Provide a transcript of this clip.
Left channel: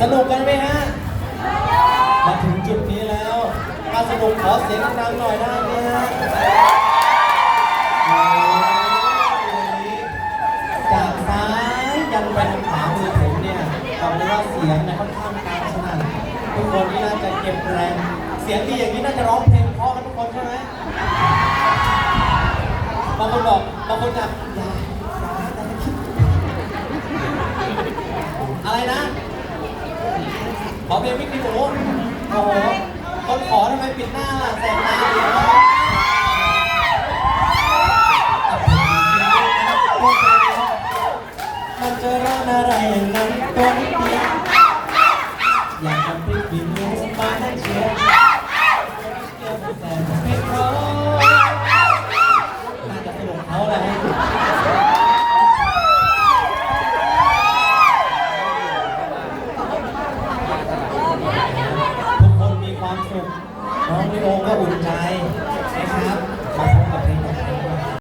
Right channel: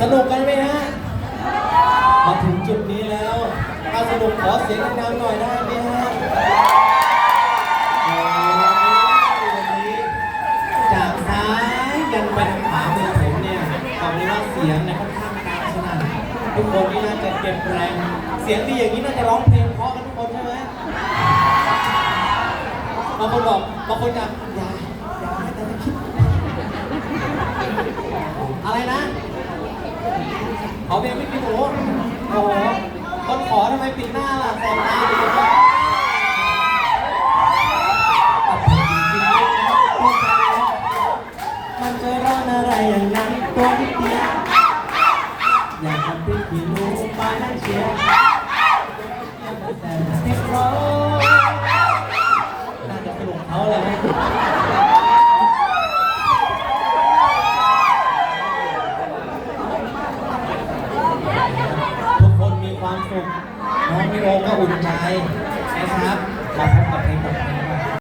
สนุกกันไหมฮะ มาถึงจุดนี้แล้ว ถ้าสนุกขอเสียงดังหน่อยได้ไหมฮะโอ้ยวันนี้จากซ้ายยันไปทางขวามือผมเนี่ยบอกเลยว่าเสียงเนี่ยค่อนข้างดังสนั่นทุกคนนี่น่าจะเก็บแรง เสียงดีอย่างนี้น่าจะร้องเพลงเพราะกันทุกคนใช่ไหมบางคนบอกบางคนจะอย่าอย่าแต่ไม่คิดอะไรนะ ขอเพลงไม่กินหมูโอ้โหคนขอทำไมปิดหน้าล่ะแสบตาอยู่นะตัดเพลงจริงๆนะครับตัวแทนนะครับมันจะร้อนอะไรอย่างนั้นตัวนิดเดียวอยากทำให้กินหนูมาทั้งเชียร์ ความสุขน้องมิโอก็อุ่นใจนะครับขอบคุณ